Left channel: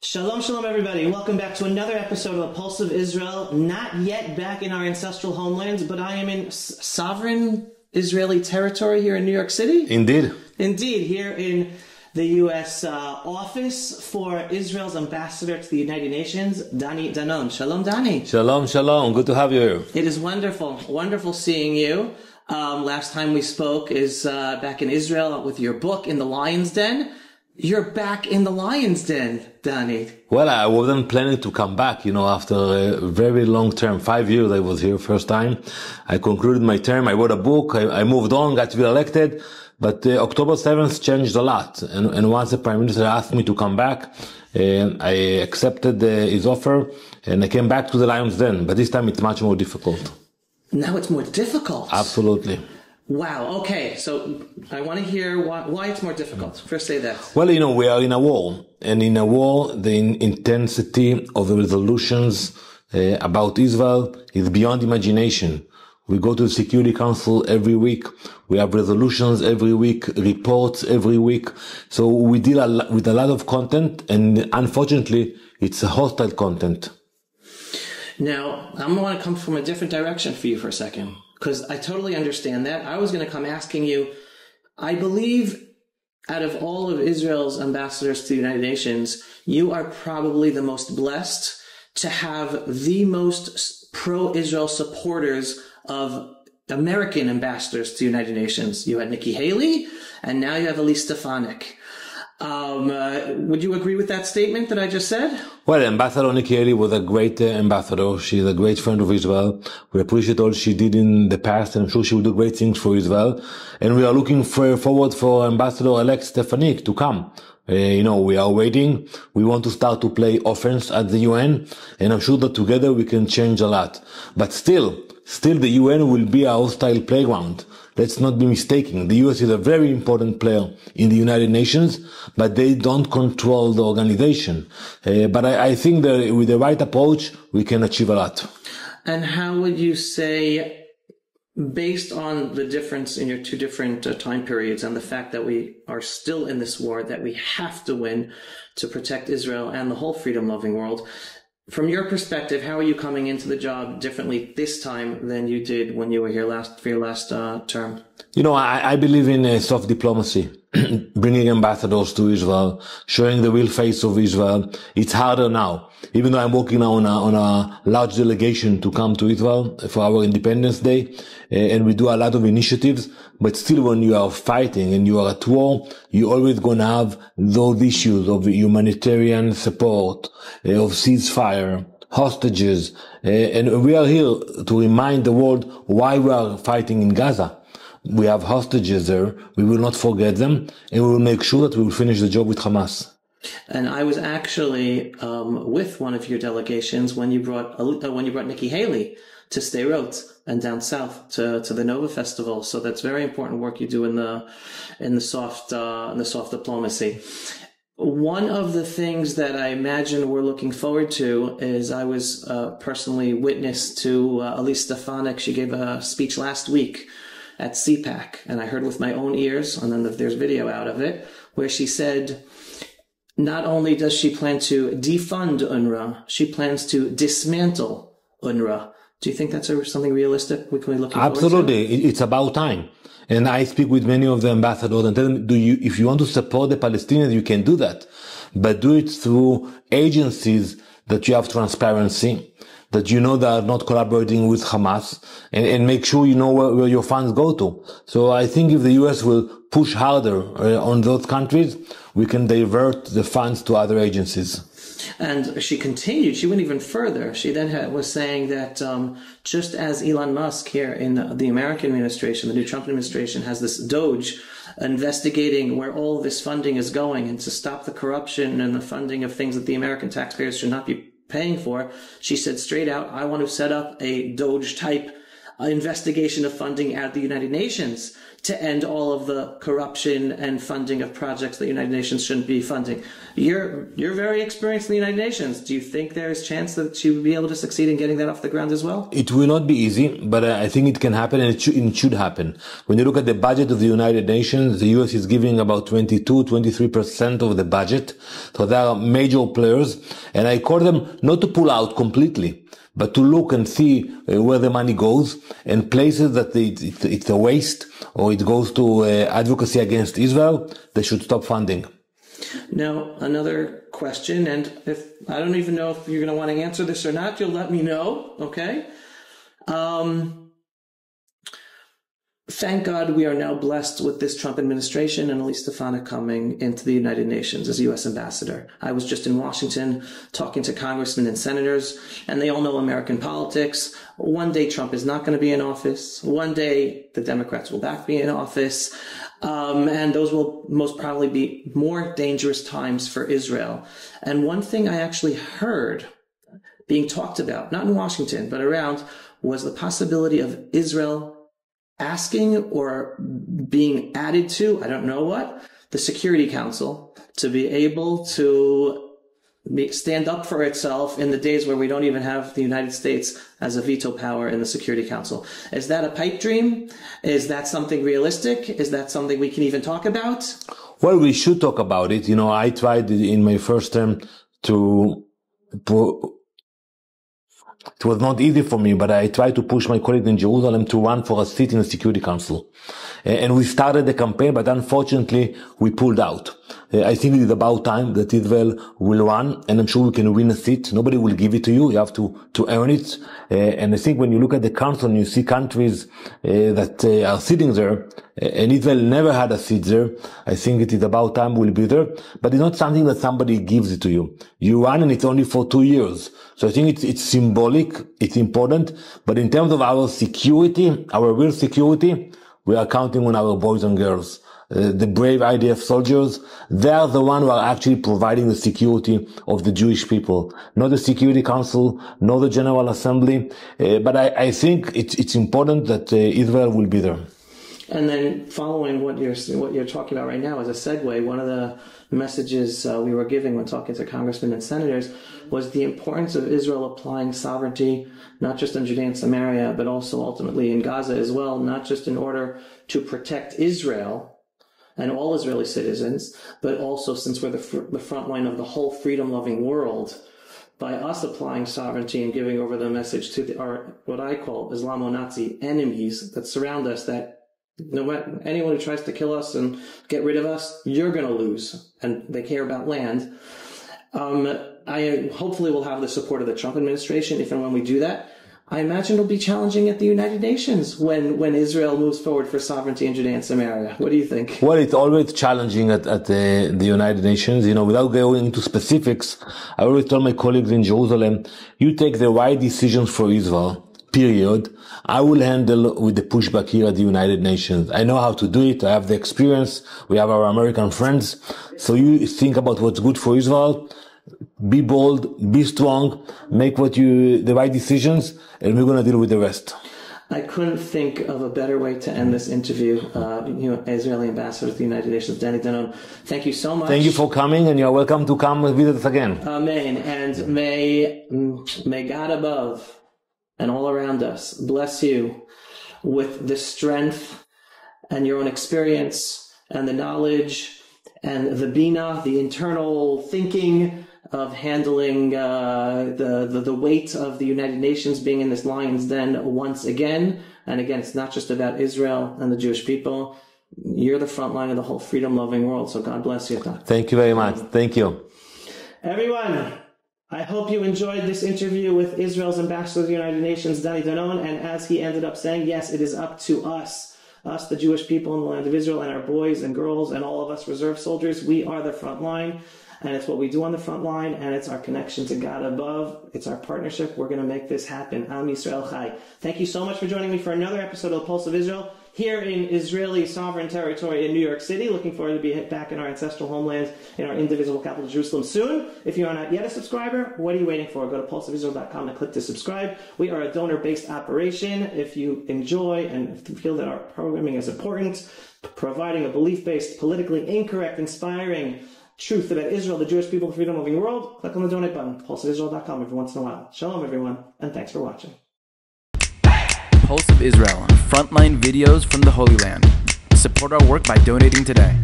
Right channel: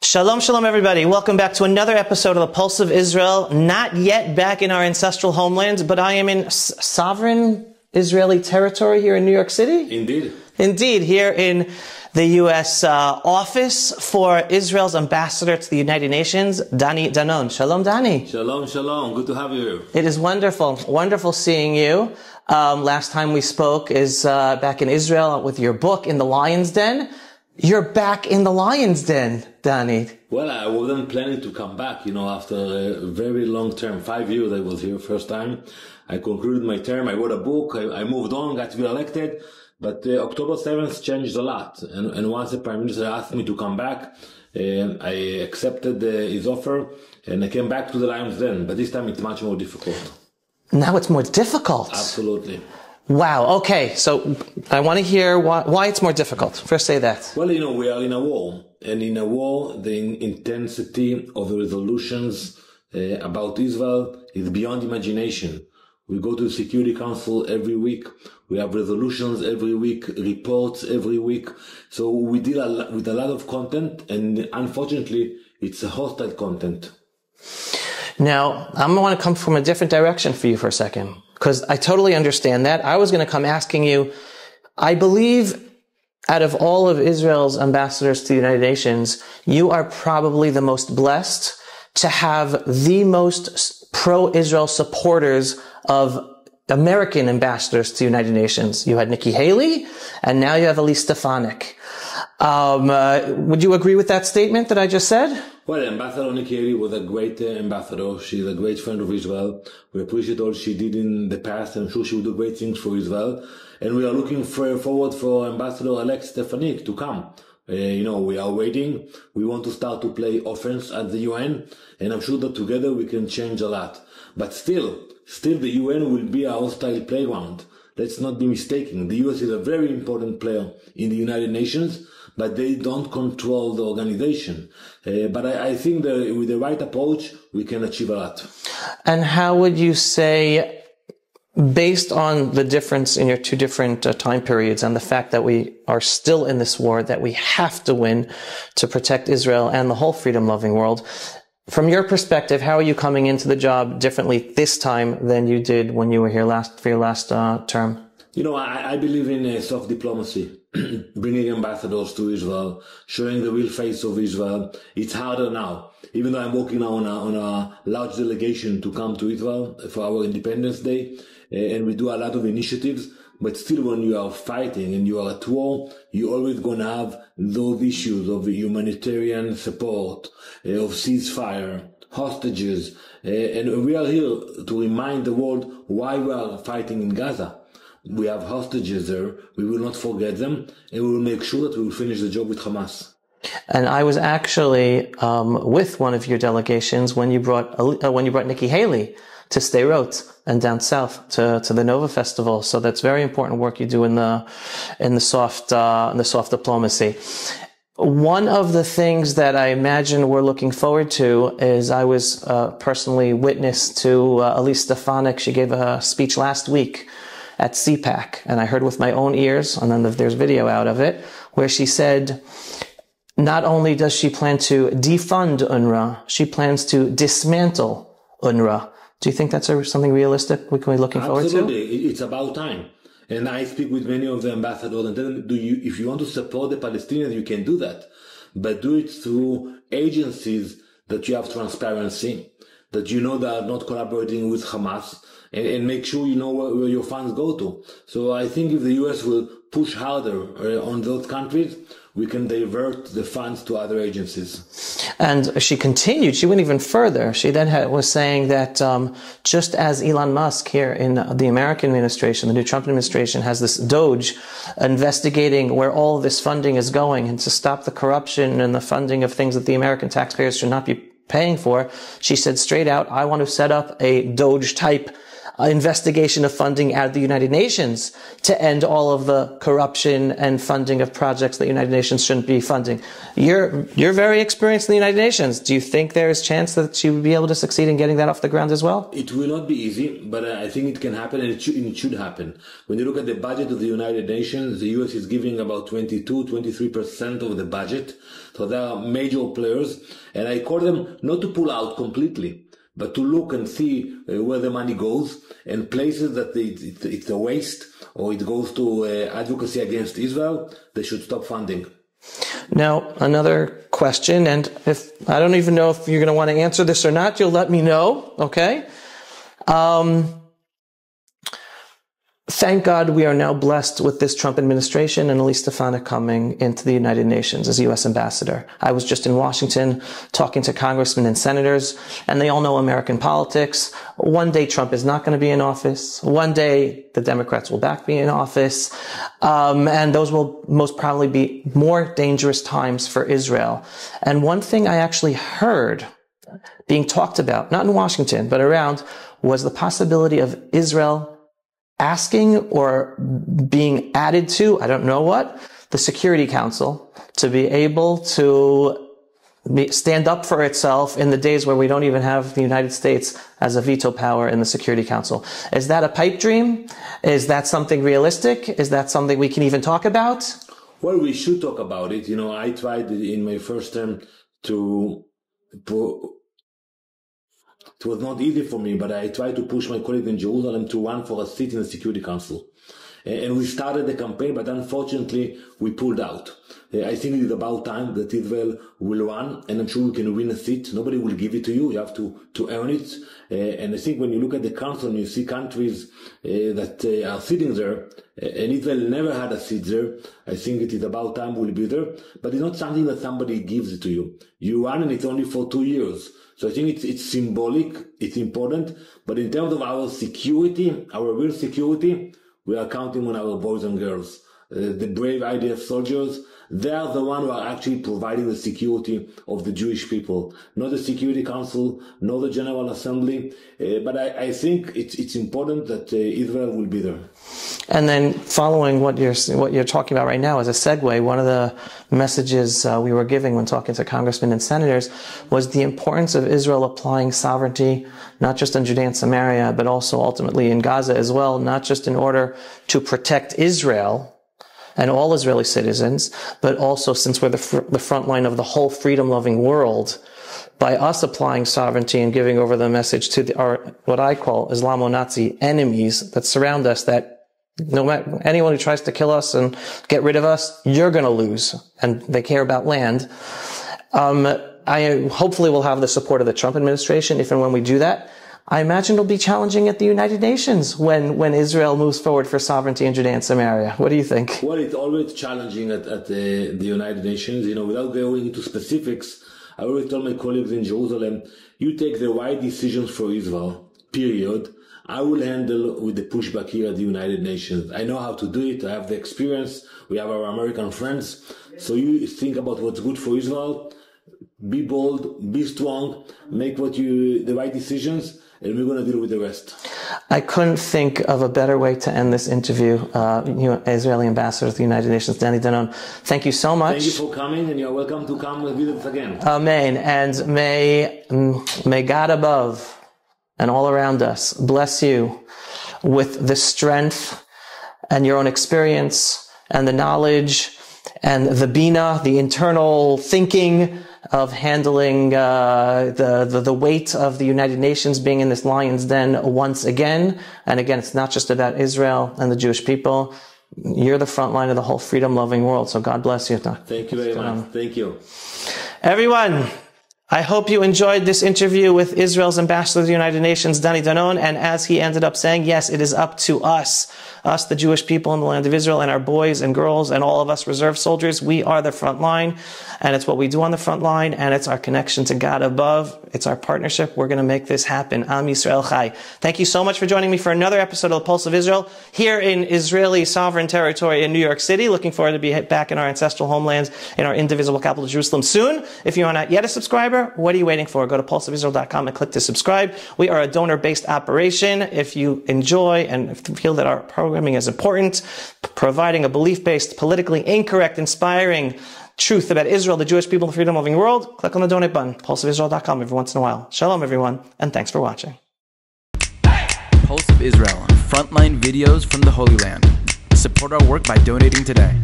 Shalom, shalom, everybody. Welcome back to another episode of the Pulse of Israel. Not yet back in our ancestral homelands, but I am in sovereign Israeli territory here in New York City. Indeed. Indeed, here in the U.S. Office for Israel's ambassador to the United Nations, Danon. Shalom, Dani. Shalom, shalom. Good to have you here. It is wonderful. Wonderful seeing you. Last time we spoke is back in Israel with your book, In the Lion's Den. You're back in the Lion's Den, Dani. Well, I wasn't planning to come back, after a very long term, 5 years I was here first time. I concluded my term, I wrote a book, I moved on, got re-elected, but October 7th changed a lot. And once the Prime Minister asked me to come back, I accepted his offer and I came back to the Lion's Den, but this time it's much more difficult. Now it's more difficult? Absolutely. Wow. Okay. So I want to hear why it's more difficult. First say that. Well, we are in a war. And in a war, the intensity of the resolutions about Israel is beyond imagination. We go to the Security Council every week. We have resolutions every week, reports every week. So we deal with a lot of content. And unfortunately, it's a hostile content. Now, I'm going to come from a different direction for you for a second, because I totally understand that. I was going to come asking you, I believe out of all of Israel's ambassadors to the United Nations, you are probably the most blessed to have the most pro-Israel supporters of American ambassadors to the United Nations. You had Nikki Haley, and now you have Elise Stefanik. Would you agree with that statement that I just said? Well, Ambassador Nikki Haley was a great ambassador. She's a great friend of Israel. We appreciate all she did in the past, and I'm sure she will do great things for Israel. And we are looking forward for Ambassador-elect Stefanik to come. We are waiting. We want to start to play offense at the UN, and I'm sure that together we can change a lot. But still the UN will be a hostile playground. Let's not be mistaken. The US is a very important player in the United Nations, but they don't control the organization. But I think that with the right approach, we can achieve a lot. And how would you say, based on the difference in your two different time periods and the fact that we are still in this war, that we have to win to protect Israel and the whole freedom-loving world, from your perspective, how are you coming into the job differently this time than you did when you were here for your last term? I believe in soft diplomacy, bringing ambassadors to Israel, showing the real face of Israel. It's harder now, even though I'm working now on a large delegation to come to Israel for our Independence Day, and we do a lot of initiatives. But still, when you are fighting and you are at war, you're always going to have those issues of humanitarian support, of ceasefire, hostages. And we are here to remind the world why we are fighting in Gaza. We have hostages there. We will not forget them, and we will make sure that we will finish the job with Hamas. And I was actually with one of your delegations when you brought Nikki Haley to Sderot and down south to the Nova Festival. So that's very important work you do in the soft diplomacy. One of the things that I imagine we're looking forward to is I was personally witness to Elise Stefanik. She gave a speech last week at CPAC, and I heard with my own ears, and then there's video out of it, where she said not only does she plan to defund UNRWA, she plans to dismantle UNRWA. Do you think that's something realistic we can be looking forward to? Absolutely. It's about time. And I speak with many of the ambassadors and tell them, if you want to support the Palestinians, you can do that. But do it through agencies that you have transparency, that they are not collaborating with Hamas, and make sure you know where your funds go to. So I think if the US will push harder on those countries, we can divert the funds to other agencies. And she continued, she went even further. She then was saying that just as Elon Musk here in the American administration, the new Trump administration, has this DOGE investigating where all of this funding is going and to stop the corruption and the funding of things that the American taxpayers should not be paying for, she said straight out, I want to set up a DOGE type investigation of funding out of the United Nations to end all of the corruption and funding of projects that the United Nations shouldn't be funding. You're very experienced in the United Nations. Do you think there is a chance that you would be able to succeed in getting that off the ground as well? It will not be easy, but I think it can happen, and it should happen. When you look at the budget of the United Nations, the US is giving about 23% of the budget. So there are major players, and I call them not to pull out completely, but to look and see where the money goes, and places that it's a waste or it goes to advocacy against Israel, they should stop funding. Now, another question, and I don't even know if you're going to want to answer this or not, you'll let me know, okay? Thank God we are now blessed with this Trump administration and Elise Stefanik coming into the United Nations as U.S. ambassador. I was just in Washington talking to congressmen and senators, and they all know American politics. One day Trump is not going to be in office. One day the Democrats will back be in office. And those will most probably be more dangerous times for Israel. And one thing I actually heard being talked about, not in Washington, but around, was the possibility of Israel asking or being added to, I don't know what, the Security Council to be able to stand up for itself in the days where we don't even have the United States as a veto power in the Security Council. Is that a pipe dream? Is that something realistic? Is that something we can even talk about? Well, we should talk about it. You know, I tried in my first term it was not easy for me, but I tried to push my colleagues in Jerusalem to run for a seat in the Security Council. And we started the campaign, but unfortunately, we pulled out. I think it is about time that Israel will run, and I'm sure we can win a seat. Nobody will give it to you. You have to earn it. And I think when you look at the council and you see countries that are sitting there, and Israel never had a seat there, I think it is about time we'll be there. But it's not something that somebody gives it to you. You run, and it's only for 2 years. So I think it's symbolic, it's important. But in terms of our security, our real security, we are counting on our boys and girls. The brave IDF soldiers, they are the ones who are actually providing the security of the Jewish people. Not the Security Council, not the General Assembly. But I think it's important that Israel will be there. And then following what you're talking about right now as a segue, one of the messages we were giving when talking to congressmen and senators was the importance of Israel applying sovereignty, not just in Judea and Samaria, but also ultimately in Gaza as well, not just in order to protect Israel and all Israeli citizens, but also since we're the front line of the whole freedom-loving world, by us applying sovereignty and giving over the message to our what I call Islamonazi enemies that surround us, that no matter anyone who tries to kill us and get rid of us, you're going to lose. And they care about land. I hopefully will have the support of the Trump administration if and when we do that. I imagine it'll be challenging at the United Nations when Israel moves forward for sovereignty in Judea and Samaria. What do you think? Well, it's always challenging at the United Nations. You know, without going into specifics, I always tell my colleagues in Jerusalem, you take the right decisions for Israel, period. I will handle with the pushback here at the United Nations. I know how to do it. I have the experience. We have our American friends. So you think about what's good for Israel. Be bold, be strong, make the right decisions, and we're going to deal with the rest. I couldn't think of a better way to end this interview. Israeli ambassador to the United Nations, Danon, thank you so much. Thank you for coming, and you're welcome to come and visit us again. Amen. And may God above and all around us bless you with the strength and your own experience and the knowledge and the bina, the internal thinking of handling the weight of the United Nations being in this lion's den once again. And again, it's not just about Israel and the Jewish people. You're the front line of the whole freedom-loving world. So God bless you. Thank you very much. Thank you. Everyone, I hope you enjoyed this interview with Israel's ambassador to the United Nations, Danon. And as he ended up saying, yes, it is up to us, the Jewish people in the land of Israel, and our boys and girls and all of us reserve soldiers. We are the front line, and it's what we do on the front line, and it's our connection to God above. It's our partnership. We're going to make this happen. Am Yisrael Chai. Thank you so much for joining me for another episode of The Pulse of Israel here in Israeli sovereign territory in New York City. Looking forward to be back in our ancestral homelands in our indivisible capital, Jerusalem, soon. If you are not yet a subscriber, more? What are you waiting for? Go to pulseofisrael.com and click to subscribe. We are a donor-based operation. If you enjoy and feel that our programming is important, providing a belief-based, politically incorrect, inspiring truth about Israel, the Jewish people, the freedom-loving world, click on the donate button, pulseofisrael.com every once in a while. Shalom, everyone, and thanks for watching. Pulse of Israel, frontline videos from the Holy Land. Support our work by donating today.